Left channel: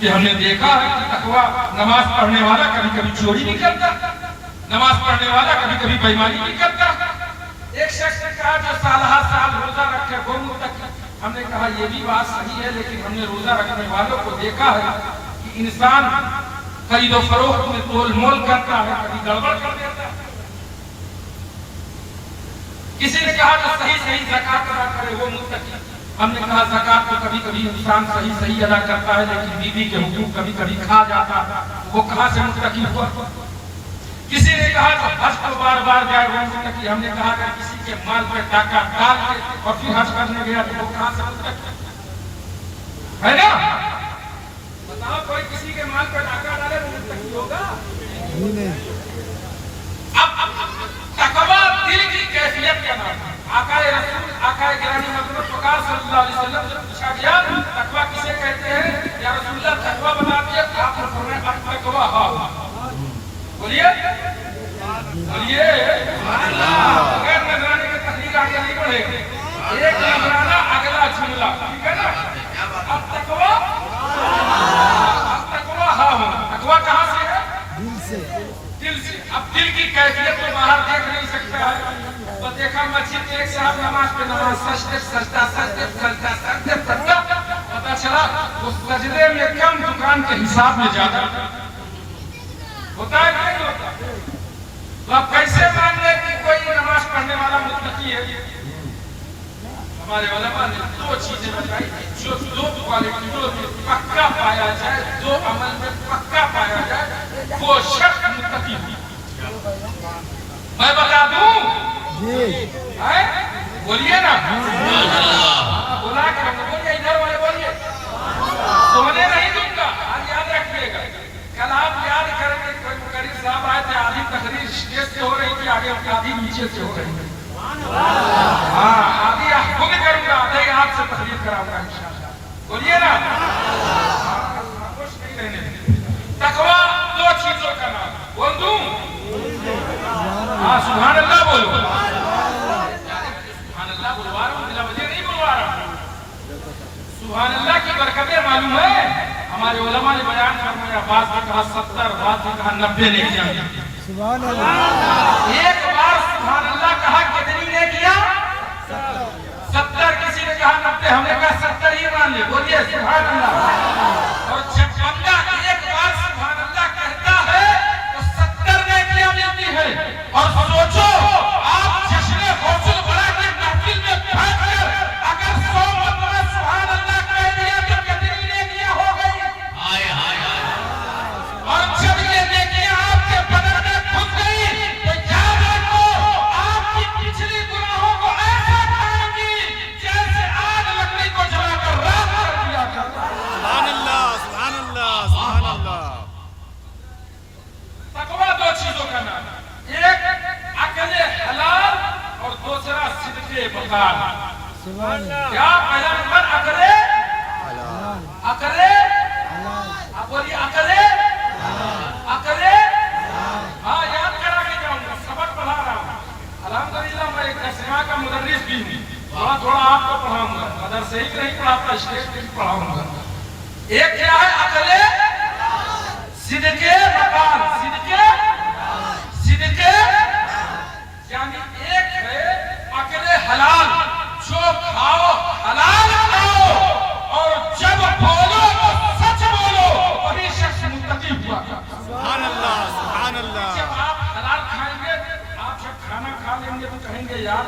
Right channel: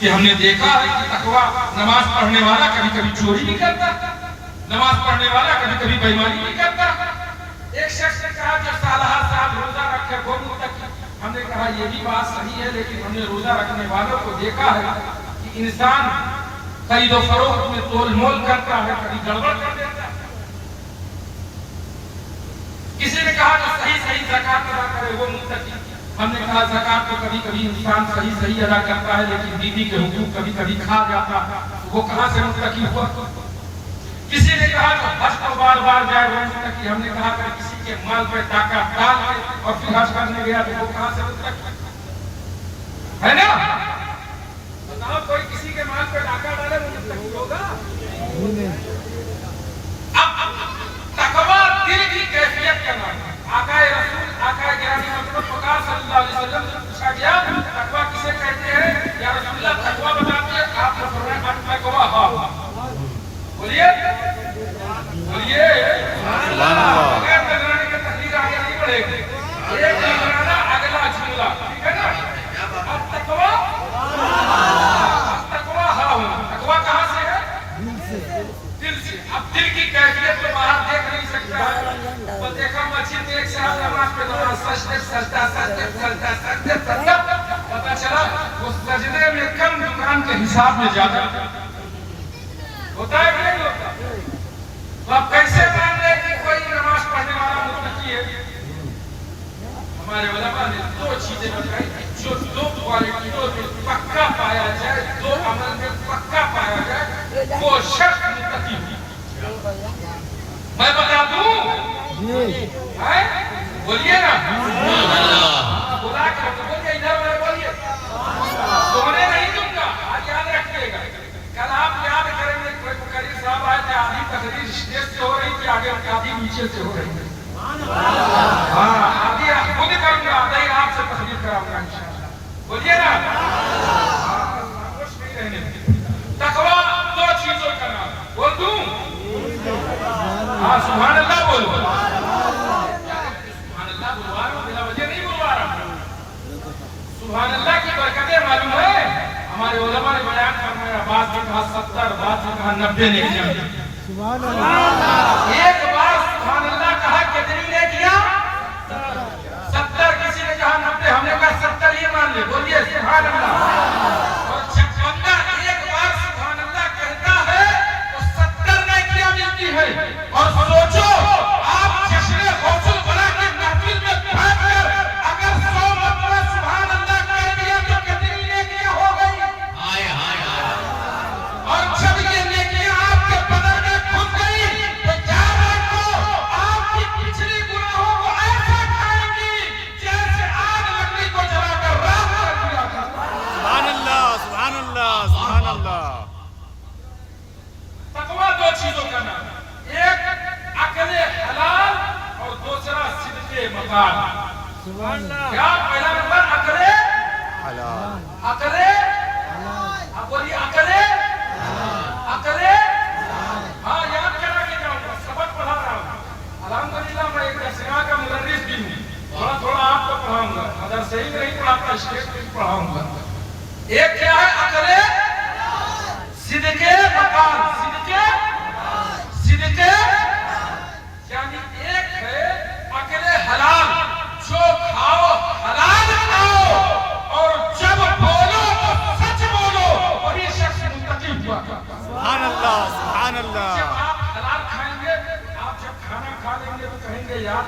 کہ ہم نے دیکھا ہے کہ تقویٰ نماز پڑھنے والا کبھی کبھی چوری بھی کرتا، نماز پڑھنے والا کبھی کبھی بے ایمانی بھی کرتا۔ ایک شخص نے کہا جو سالہ سال روزہ رکھے وہ متقی۔ ہم نے کہا یہ بھی بات صحیح ہے، لیکن ہم نے روزہ رکھنے والوں کو دیکھا ہے کہ انسان خرید و فروخت میں تول مول کرتا ہے، کبھی گڑبڑ کر دیتا ہے۔ کسی نے کہا جو صحیح زکات ادا کرے وہ متقی۔ ہم نے کہا زکات تو کبھی کبھی انسان صحیح ادا کرتا ہے، لیکن بیوی کے حقوق کبھی کبھی کھا جاتا ہے، وہ کہاں سے متقی ہوا؟ کسی نے کہا کہ حج کو بار بار جائے وہ متقی۔ ہم نے کہا کہ کسی کے مال پہ ڈاکہ ڈال کے اور پھر حج کرنے گیا تو وہ کہاں سے متقی ہے نا؟ بتاؤ کوئی کسی کے مال پہ ڈاکہ ڈالے وہ متقی ہوگا؟ تقویٰ دل کی کیفیت کا نام ہے۔ آقا رسول آقا گرامی حضرت پکار صلی اللہ علیہ وسلم سے پوچھا گیا تقویٰ کسے کہتے ہیں یا رسول اللہ تقویٰ بتا دیے؟ آپ نے فرمایا تقویٰ ہاں بولیے بولیے بغیر نظرانے کے تقریر آگے نہیں بڑھے گی، ایک نظرانہ اگلا جملہ، ٹھیک ہے نا؟ اب تقویٰ ہاں تقویٰ کہاں سے ہے؟ دل سے۔ اب دل کی کیفیت تو باہر دیکھ نہیں سکتا ہے، تو دیکھا مسجد میں ایک صاحب نماز پہ نماز سجدہ پتہ چلا اس سجدے میں کم دکان کے حساب میں زیادہ ہوتا ہے کہ نہیں ہوتا؟ تو اب کیسے مان لے کہ کوئی نماز پڑھنے والا متقی ہے؟ ہمارے علماء نے دو چیزیں بتائی جو دو کوالٹیوں میں پکا پایا جائے، دو عمل میں پکا پایا جائے، وہ شخص متقی ہو۔ میں بتا دوں بولیے نا بلا کر بولیے، ادھر والے بولیے، سونے نہیں دوں گا۔ آج یاد رکھیے گا، کل آپ یاد کریں گے کوئی مقرر صاحب آئے تھے، آدھی تقریر اسٹیج سے ہو رہی تھی آگے، آدھی نیچے سے ہو رہی تھی۔ ہاں آدھی آپ خود کروں گا، آدھے آپ سے تقریر کراؤں گا انشاءاللہ۔ بولیے نا خاموش نہیں رہنے دیں۔ تقویٰ دو چیزوں کا نام ہے، بول دوں؟ ہاں سبحان اللہ بولو، سبحان اللہ بلوا رہا ہوں، بلا وجہ نہیں بلوا رہا ہوں۔ سبحان اللہ کی برکتیں معلوم ہے، ہمارے علماء نے بیان فرمایا، بعض نے کہا 70، بعض نے کہا 90 نیکیاں۔ سبحان اللہ، ایک بار سبحان اللہ کہا کتنی نیکیاں؟ 70۔ کسی نے کہا 90، ہم نے کہا 70 ہی مان لے، بولیے سبحان اللہ۔ اور جب بندہ ایک بار سبحان اللہ کہتا ہے تو 70 نیکیاں ملتی ہیں۔ اور سوچو آپ جشن حوصل بنا کے محفل میں بیٹھ کر اگر 100 مرتبہ سبحان اللہ کہہ دیا تو کتنی نیکیاں ہو گئی؟ اور جب یہ نیکیاں آپ کے بدن میں گھس گئی تو یاد رکھو آپ کی پچھلی گناہوں کو ایسا کھائیں گی جیسے آگ لکڑی کو جلا کر راکھ کر دیا کرتا ہے۔ سبحان اللہ سبحان اللہ سبحان اللہ۔ تقویٰ دو چیزوں کا نام ہے، ایک عقل حلال اور دوسرا صدق مقال۔ کیا پہلا نمبر عقل حلال، عقل اب بولیے عقل عقل ہاں یاد کرا کے جاؤں گا، سبق پڑھا رہا ہوں الحمدللہ۔ میں ایک درسگاہ کا مدرس بھی ہوں، تھوڑا تھوڑا آپ کو پڑھاؤں گا، مدرسے ہی نہیں پڑھاتا، اسٹیج پہ پڑھاؤں گا۔ ایک کیا ہے عقل صدق مقال، صدق یعنی ایک ہے عقل حلال، جو کھاؤ حلال کھاؤ اور جب بولو تو سچ بولو، وہی شخص متقی ہوا۔ سبحان اللہ سبحان اللہ۔ جب آپ حلال کھائیں گے، آپ جب کھانا کھا لیں گے تو کہیں گے یار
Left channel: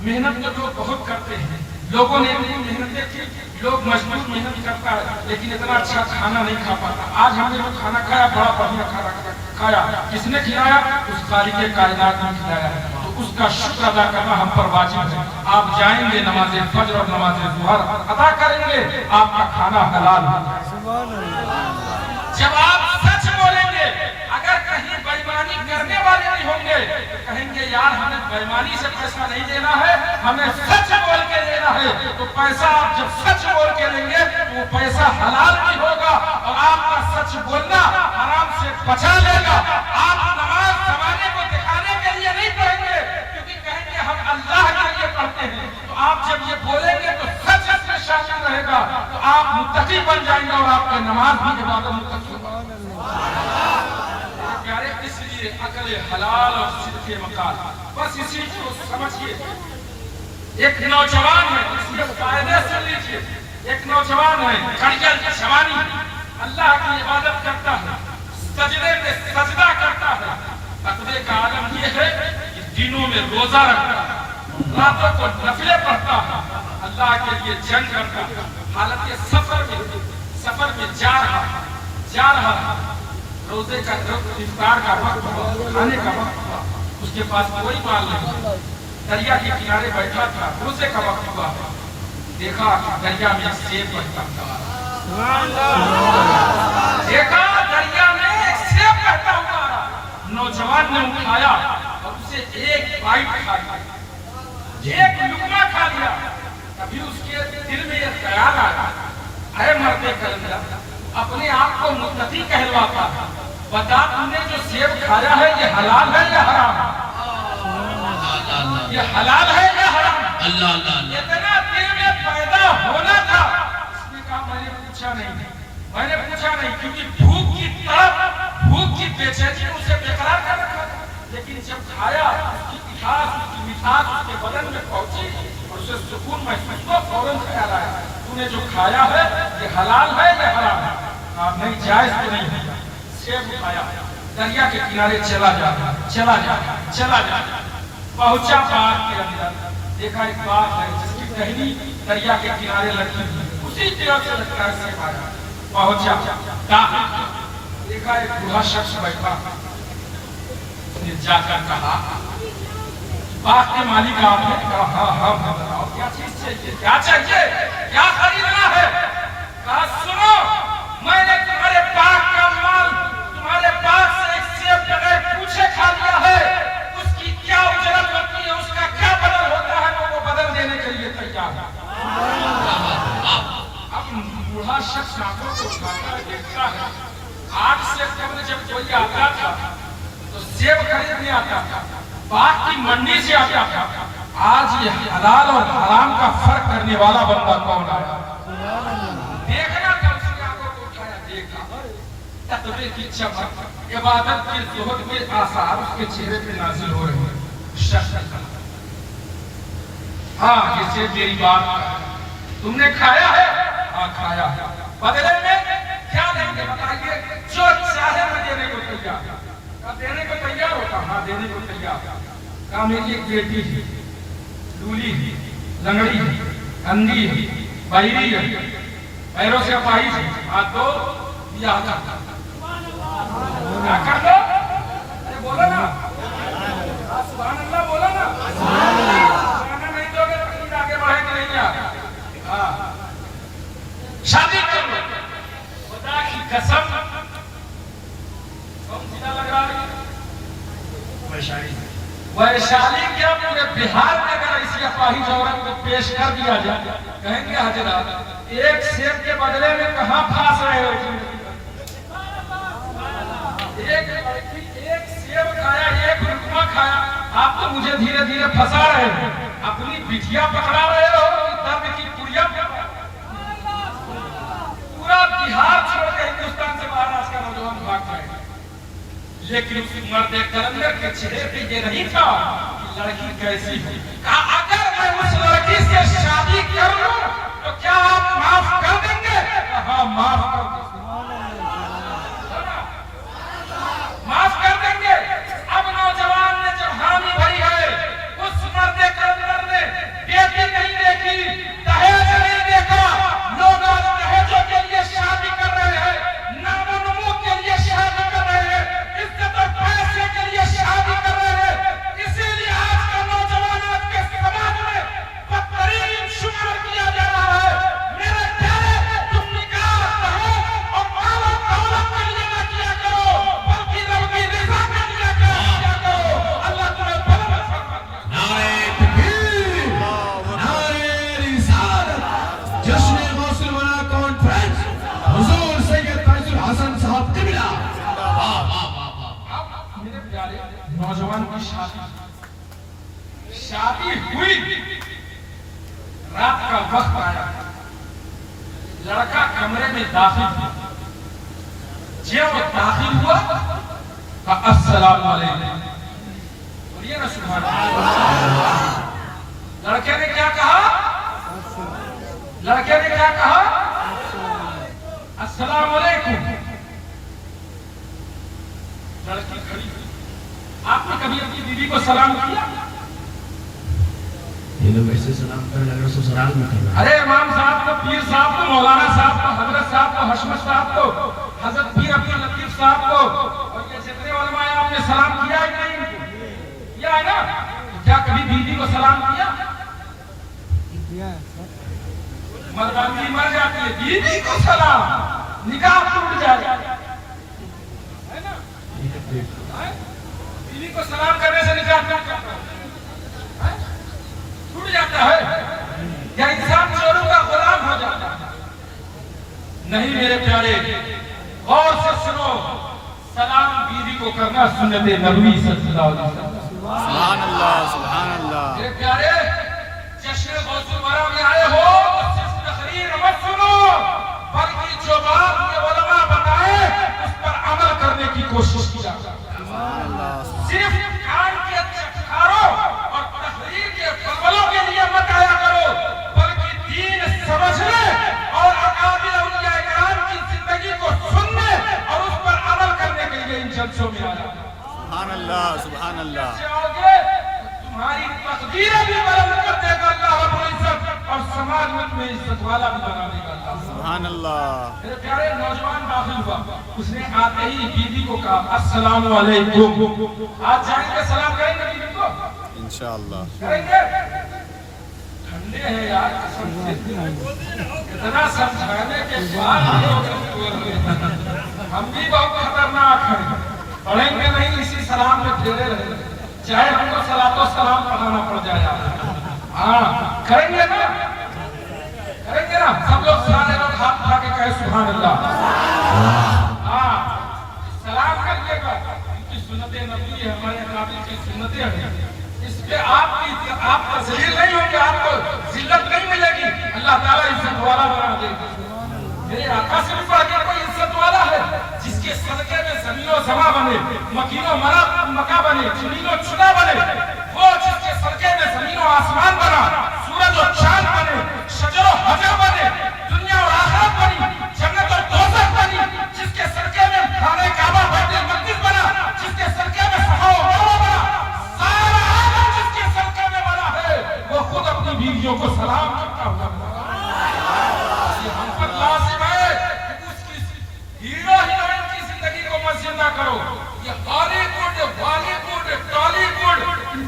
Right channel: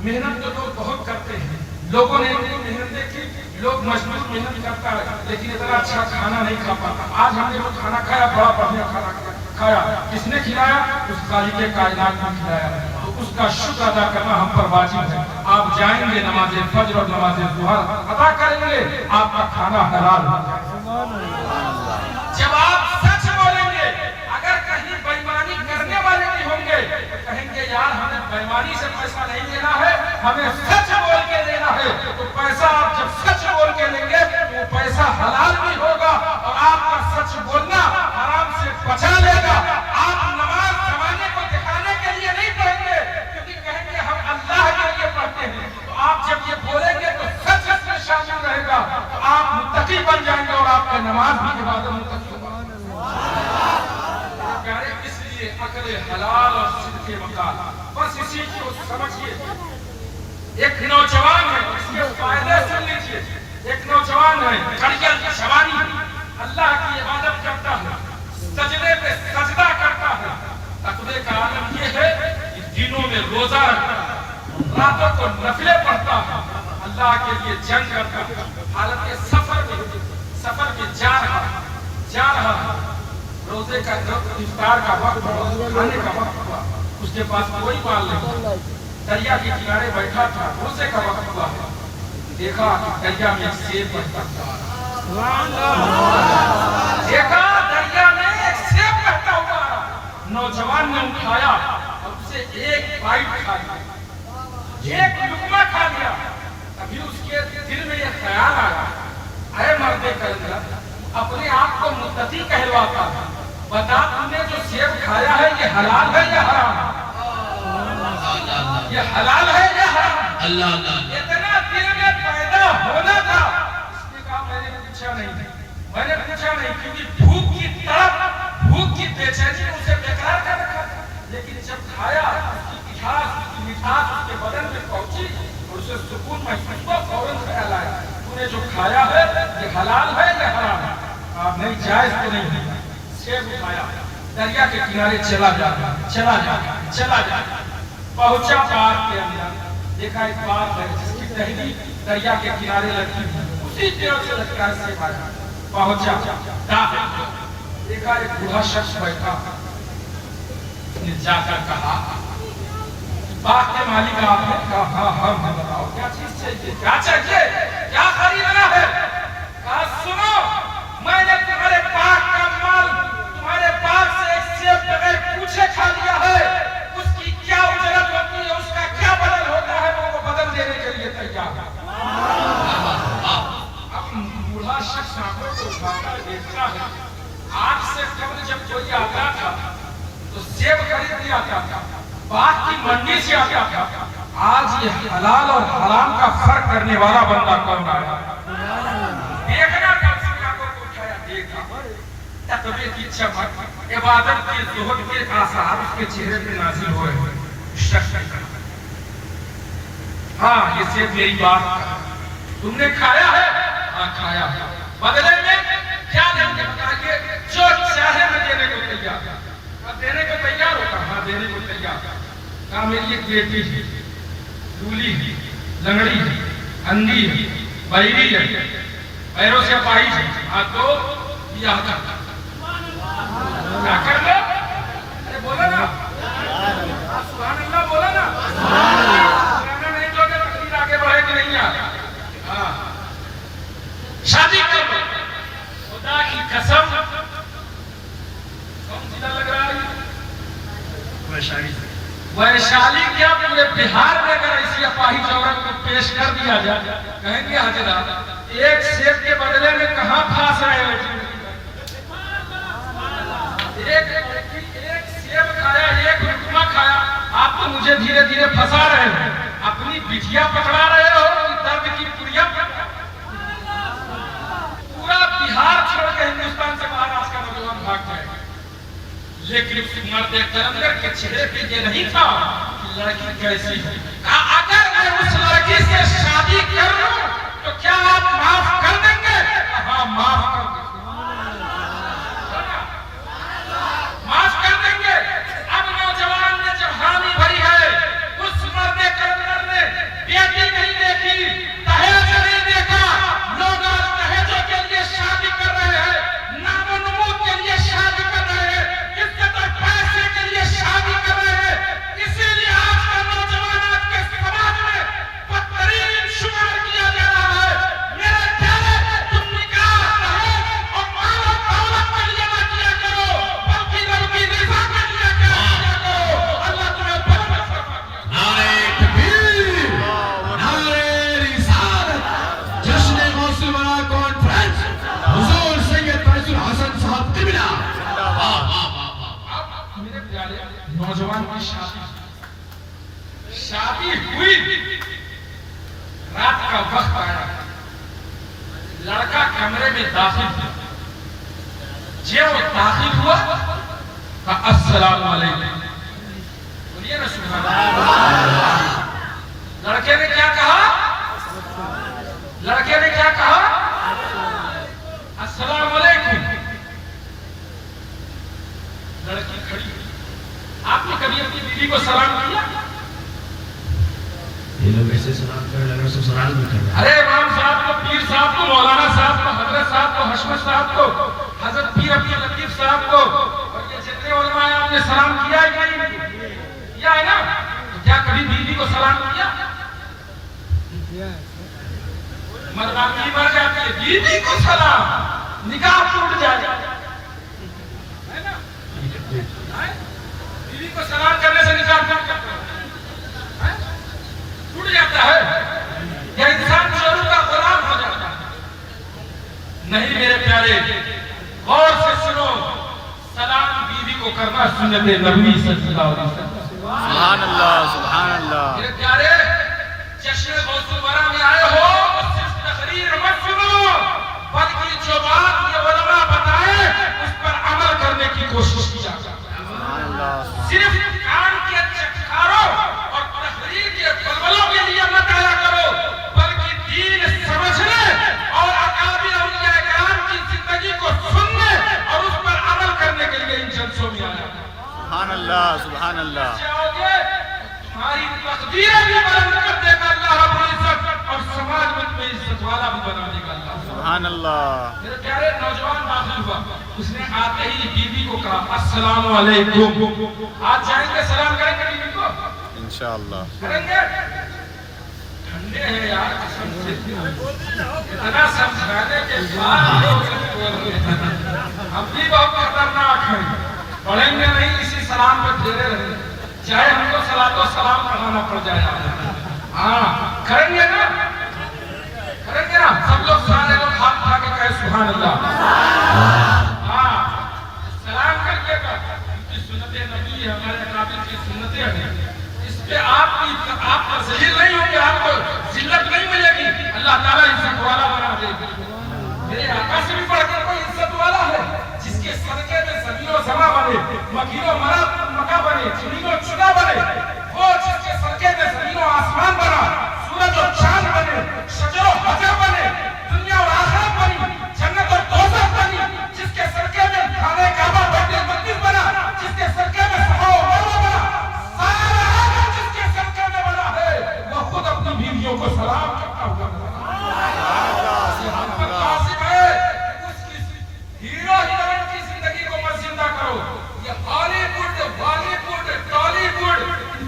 محنت تو لوگ بہت کرتے ہیں، لوگوں نے اتنی محنتیں کی، لوگ مزدور محنت کرتا ہے لیکن اتنا اچھا کھانا نہیں کھا پاتا۔ آج ہم نے جو کھانا کھایا بڑا بڑھیا کھانا کھایا، کس نے کھلایا؟ اس خالق کائنات نے کھلایا، تو اس کا شکر ادا کرنا ہم پر واجب ہے۔ آپ جائیں گے نماز فجر اور نماز ظہر ادا کریں گے، آپ کا کھانا حلال ہے۔ جب آپ سچ بولیں گے، اگر کہیں بےایمانی کرنے والے بھی ہوں گے تو کہیں گے یار ہمیں بےایمانی سے پیسہ نہیں لینا ہے، ہمیں سچ بول کے لینا ہے۔ تو پیسہ آپ جب سچ بول کے لیں گے تو وہ پیسہ حلال بھی ہوگا اور آپ کا سچ بولنا حرام سے بچا لے گا۔ آپ نماز زمانے کو دکھانے کے لیے نہیں پڑھیں گے، کیونکہ کہیں گے ہم اللہ کے لیے پڑھتے ہیں۔ تو آپ جب یہ بولیں گے تو سچ میں شامل رہے گا، تو آپ متقی بن جائیں گے اور آپ آپ کا نماز بھی عبادت مقدس ہے۔ اس لیے عقل حلال اور صدق مقال، بس اسی کو سمجھیے۔ ایک نوجوان ہے، اس کے فائدے سن لیجیے۔ ایک نوجوان ہے، کھڑیال کی جوانی، اللہ کی عبادت کرتا ہے، سجدے میں سجدہ کرتا ہے۔ تقوی کا عالم یہ ہے کہ دنوں میں روزہ رکھتا ہے، راتوں کو نفلیں پڑھتا ہے، اللہ کے لیے جنگ کرتا ہے، حالت سفر میں جا رہا ہے۔ روزے کا افطار کا وقت ہوا، کھانے کا وقت ہوا، اس کے پاس کوئی مال نہیں، دریا کے کنارے بیٹھا تھا، روزے کا وقت ہوا، دیکھا دریا میں ایک سیب بہتا ہوا، دیکھا دریا میں ایک سیب بہتا ہوا۔ نوجوان نے اٹھایا اور اسے ایک بائٹ کھایا، ایک لقمہ کھا لیا۔ ابھی اس کے دل میں یہ خیال آیا، اے مرد کلندر، اپنے آپ کو متقی کہلواتا ہے، بتا تم نے جو سیب کھایا ہے یہ حلال ہے یا حرام؟ یہ حلال ہے یا حرام؟ اتنا دل میں پیدا ہونا تھا۔ اس نے کہا میں نے پوچھا نہیں، کیونکہ بھوک کی طرف، بھوک کی بے چینی اسے بیقرار کر رکھا تھا۔ لیکن جب کھایا، اس کی مٹھاس اس کے بدن میں پہنچی اور اسے سکون محسوس ہوا، فوراً خیال آیا تو نے جو کھایا ہے یہ حلال ہے یا حرام ہے؟ آپ نہیں، جائز تو نہیں ہے۔ سیب اٹھایا، دریا کے کنارے چلا جا پہنچا باغ کے اندر، دیکھا ایک باغ ہے جس کی ٹہنی دریا کے کنارے لگی ہوئی، اسی طرح سے لگتا ہے سیب آیا۔ پہنچا داخل کیا، دیکھا ایک بوڑھا شخص بیٹھا، اس نے جا کر کہا باغ کے مالک آپ نے؟ کہا ہاں بتاؤ کیا چیز چاہیے، کیا خریدنا ہے؟ کہا سنو، میں نے تمہارے باغ کا مال، تمہارے باغ سے ایک سیب بغیر پوچھے کھا لیا ہے، اس کی کیا اجرت ہوتی ہے، اس کا کیا بدل ہوتا ہے، میں وہ بدل دینے کے لیے تیار ہوں۔ اب بوڑھا شخص آنکھوں کو اٹھاتا ہے، دیکھتا ہے آج سے قبل جب کوئی آتا تھا تو سیب خریدنے آتا تھا، باغ کی منڈی سے آتا تھا، آج یہ حلال اور حرام کا فرق کرنے والا بندہ کون آیا؟ دیکھنا تھا، اس کی آنکھوں کو اٹھایا، دیکھا تقوی کی چمک، عبادت کے زہد کے آثار اس کے چہرے پہ نازل ہو رہے شخص نے کہا ہاں یہ سیب میری بات کا، تم نے کھایا ہے؟ ہاں کھایا ہے، بدلے میں کیا دیں گے بتائیے؟ جو چاہے میں دینے کو تیار ہوں۔ دینے کو تیار ہوتا؟ ہاں دینے کو تیار۔ کہا میری ایک بیٹی ہے، لولی ہے، لنگڑی ہے، اندھی ہے، بہری ہے، پیروں سے اپاہج ہے، ہاں تو بیاہ کر کیا کر لو؟ ارے بولا نا، سبحان اللہ بولا نا، نہیں تو اگر تقریر آگے بڑھے کہ نہیں آگے، ہاں شادی کر لو، خدا کی قسم کون سیدھا لگ رہا ہے؟ ویشالی کیا پورے بہار میں اگر ایسی اپاہج عورت کو پیش کر دیا جائے، کہیں گے حضرات ایک سیب کے بدلے میں کہاں پھانس رہے ہو؟ ایک سیب کھایا، ایک لقمہ کھایا، آپ تو مجھے دھیرے دھیرے پھنسا رہے ہو، اپنی بٹھیا پکڑا رہے ہو کہ درد کی پڑیا پورا بہار چھوڑ کے ہندوستان سے باہر آج کا نوجوان بھاگ جائے گا۔ لیکن اس مرد کلندر کے چہرے پہ یہ نہیں تھا کہ لڑکی کیسی ہے۔ کہا اگر میں اس لڑکی سے شادی کر لوں تو کیا آپ معاف کر دیں گے؟ ہاں معاف کر دیں گے، معاف کر دیں گے۔ اب نوجوان نے جب حامی بھری ہے، اس مرد کلندر نے بیٹی نہیں دیکھی، دہیج نہیں دیکھا، لوگ دہیجوں کے لیے شادی کر رہے ہیں، نام و نمود کے لیے شادی کر رہے ہیں، عزت اور پیسے کے لیے شادی کر رہے ہیں۔ اسی لیے آج کا نوجوان آج کے سماج میں بدترین شمار کیا جا رہا ہے۔ میرے پیارے، تم نکاح دہیج جو داخل ہوا کہا السلام علیکم. بولیے نا سبحان اللہ. لڑکے نے کیا کہا؟ لڑکے نے کیا کہا؟ السلام علیکم. لڑکی کھڑی. آپ نے کبھی اپنی بیوی کو سلام کیا؟ یہ لوگ ایسے سلام کرنے لگے تو سلام بھی کر رہے ہیں. ارے امام صاحب کو، پیر صاحب کو، مولانا صاحب کو، حضرت صاحب کو، حشمت صاحب کو، حضرت پیر عبد اللطیف صاحب کو اور یہ جتنے علماء ہیں آپ نے سلام کیا ہی نہیں. کیا ہے نا؟ تو کیا کبھی بیوی کو سلام کیا؟ مرغابی مر جاتی ہے، بیوی کو سلام، نکاح ٹوٹ جائے گا. ہے نا؟ بیوی کو سلام کرنے سے نکاح ٹوٹ جاتا ہے. ٹوٹ جاتا ہے یا انسان شروع کا غلام ہو جاتا ہے. نہیں میرے پیارے، غور سے سنو. سلام بیوی کو کرنا سنت نبوی صلی اللہ علیہ وسلم. سبحان اللہ سبحان اللہ. میرے پیارے، جشن غوث الورا میں آئے ہو تو صرف تقریر مت سنو، بلکہ جو بات یہ علماء بتائے اس پر عمل کرنے کی کوشش کیا. سبحان اللہ. صرف کان کے چٹکاروں اور تقریر کے بلبلوں کے لیے مت آیا کرو، بلکہ دین سمجھنے اور اکابر اولیاء کرام کی زندگی کو سننے اور اس پر عمل کرنے کے لیے ان جلسوں میں آیا. سبحان اللہ سبحان اللہ. تمہاری تقدیریں بھی بلند کر دے گا اللہ رب العزت اور سماج میں تمہیں عزت والا بھی بنا دے گا اللہ. سبحان اللہ. میرے پیارے، نوجوان داخل ہوا، اس نے آتے ہی بیوی کو کہا السلام علیکم. آج جائیں گے سلام کریں گے بیوی کو؟ انشاءاللہ کریں گے. ٹھنڈے ہیں یار قسم سے، اتنا سمجھانے کے بعد ہم بھی بہت خطرناک ہیں. پڑھیں گے نہیں، اسی سلام میں پھیرے رہیں گے، چاہے ہم کو صلاۃ و سلام پڑھانا پڑ جائے. ہاں کریں گے نا؟ کریں گے نا؟ سب لوگ سارے لوگ ہاتھ اٹھا کے کہے سبحان اللہ. ہاں سلام کر کے سنت نبوی ہے، ہمارے اکابر کی سنتیں ہیں. اس پہ آپ ذلیل نہیں ہوں گے، آپ کو ذلت نہیں ملے گی. اللہ تعالیٰ عزت والا بنا دے گا. میرے آقا سے بھی بڑھ کے کوئی عزت والا ہے جس کے صدقے میں زمین و زماں بنے، مکین و مکا بنے، زمین و چنا بنے. وہ جس کے صدقے میں زمین و آسمان بنا، سورج و چاند بنے، شجر و حجر بنے، دنیا اور آخرت بنی، جنت اور دوزخ بنی. جس کے صدقے میں خانہ کعبہ بیت المقدس بنا، جس کے صدقے میں صفا و مروہ بنا، سارا عالم جس کے صدقے میں بنا ہے وہ خود اپنی بیویوں کو سلام کرتا ہوا بنا. ہیرو ہیروئن کی زندگی کو مت زندہ کرو. یہ ہالی ووڈ ٹالی ووڈ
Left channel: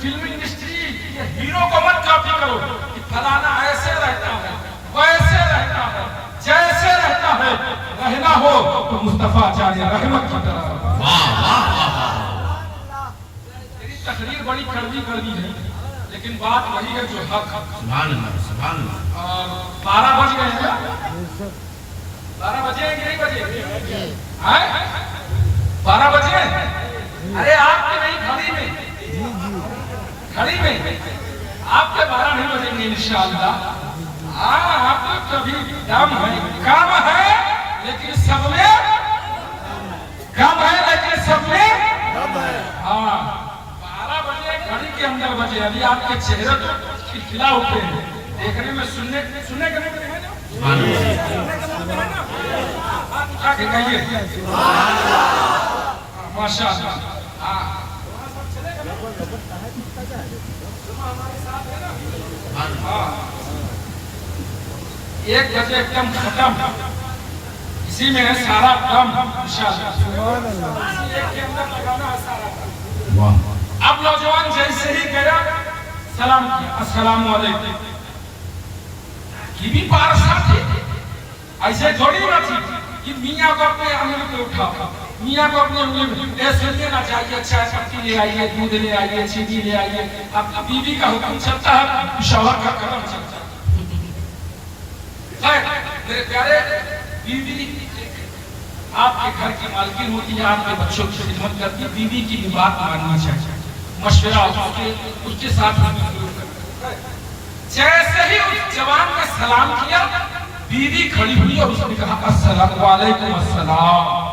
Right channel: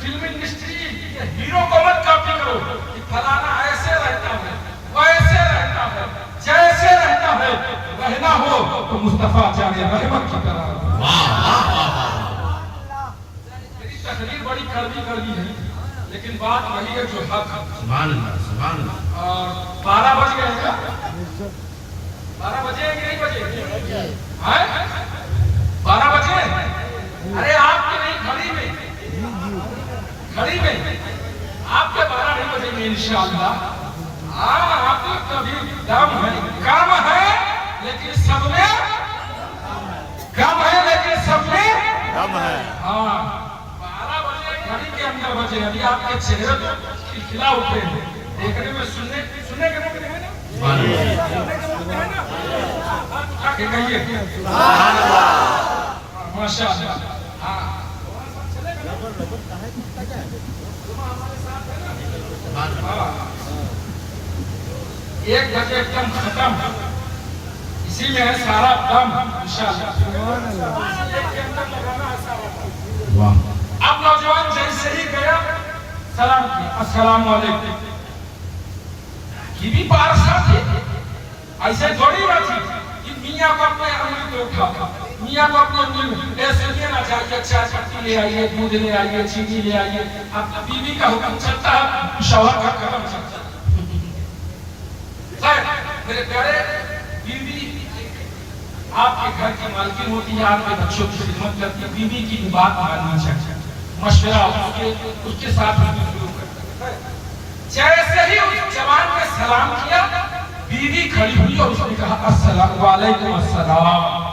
فلم انڈسٹری، یہ ہیرو کو مت کاپی کرو کہ فلانا ایسے رہتا ہے، ویسے رہتا ہے، جیسے رہتا ہے. رہنا ہو تو مصطفیٰ جان رحمت کی طرح. میری تقریر بڑی کڑوی ہے لیکن بات وہی ہے جو حق ہے. سبحان اللہ سبحان اللہ. اور 12 بج گئے ہیں. 12 بجے ہیں کہ نہیں بجے؟ 12 بجے. ارے آپ کے نہیں، گھڑی میں آپ کے 12 نہیں بجیں گے انشاءاللہ. ہاں آپ لوگ کبھی دم ہے، کام ہے لیکن سب میں کم ہے، لیکن سب میں کم ہے. ہاں 12 بجے گھڑی کے اندر بجے. ابھی آپ کے چہرے تو کھلا اٹھے ہیں، دیکھنے میں سننے کے میں ہے نا، سننے کے میں ہے نا. بات اٹھا کے کہیے سبحان اللہ. ماشاء اللہ. ایک بجے دم ختم، اسی میں ہے سارا دم انشاءاللہ. ایک کے اندر لگانا ہے سارا دم. اب نوجوان جیسے ہی گیا سلام کیا السلام علیکم. یہ بھی پارسا تھی، ایسے تھوڑی بات تھی کہ میاں کو اپنے انگلی کو اٹھا، میاں کو اپنی انگلی میں سنیے نہ چاہیے، چائے پتی لے آئیے، دودھ لے آئیے، چینی لے آئیے. اپنی بیوی کا حکم چلتا ہے، شوہر کا قدم چلتا ہے. میرے پیارے، بیوی آپ کے گھر کی مالکین ہوتی ہے، آپ کے بچوں کی خدمت کرتی ہے. بیوی کی بھی بات ماننا چاہیے، مشورہ اس کے ساتھ شروع کرتے ہیں. جیسے ہی اس جوان نے سلام کیا، بیوی کھڑی ہوئی اور اس نے کہا السلام علیکم. السلام.